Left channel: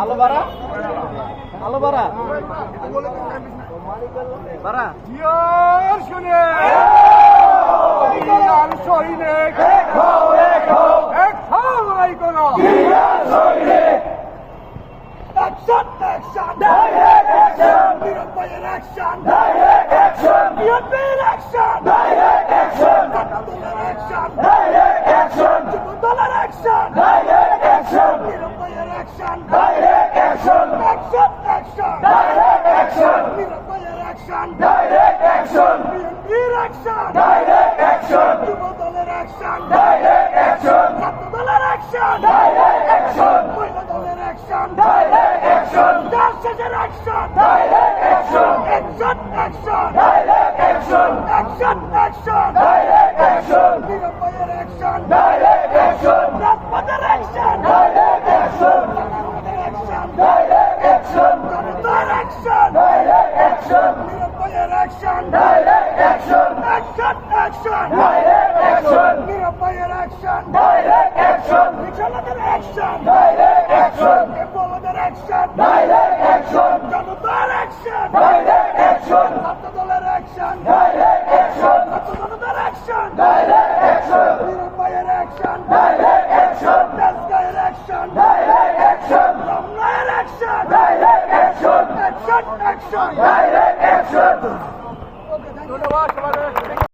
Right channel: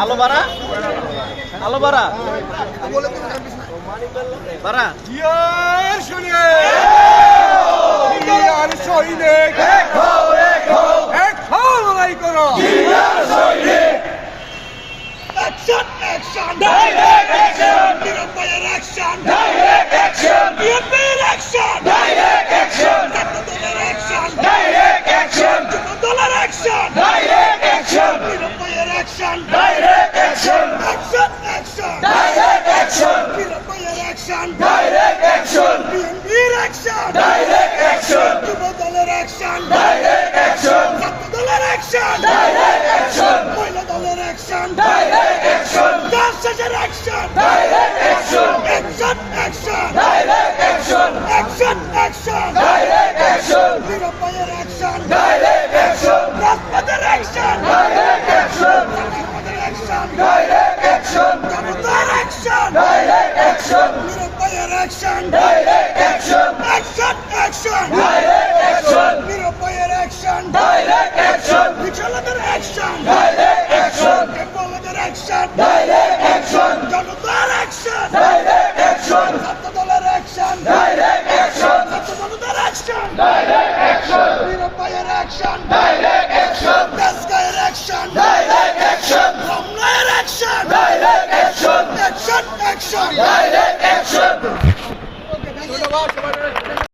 আলো বাড়া আলো বাড়া বাড়া শুনে হও লড়াই করো Action! Action! Direct action! নিরুপায়ের action! Direct action! Direct action! Direct action! Direct action! Yuva action! Direct action! Tatlıdalar action! Direct action! Boyladalar action! Direct action! Dansçılar action! Direct action! Action! Action! Direct action! Action! Action! Direct action! Mirabayar action! Direct action! Raspadar action! Direct action! Tatlıdalar action! Direct action! Davutlar action! Direct action! action! Direct action! Action! Action! Direct action! Mirabayar action! Direct action! Vichalagar action! Direct action! Tempovagar action! Direct action! Janudar action! Direct action! Sattadalar action! Direct action! Sattadanudar action! Direct action! Mirabayar action! Direct action! Kasgayar action! Direct action! Ramnayar action! Direct action! Action! Action! Direct action!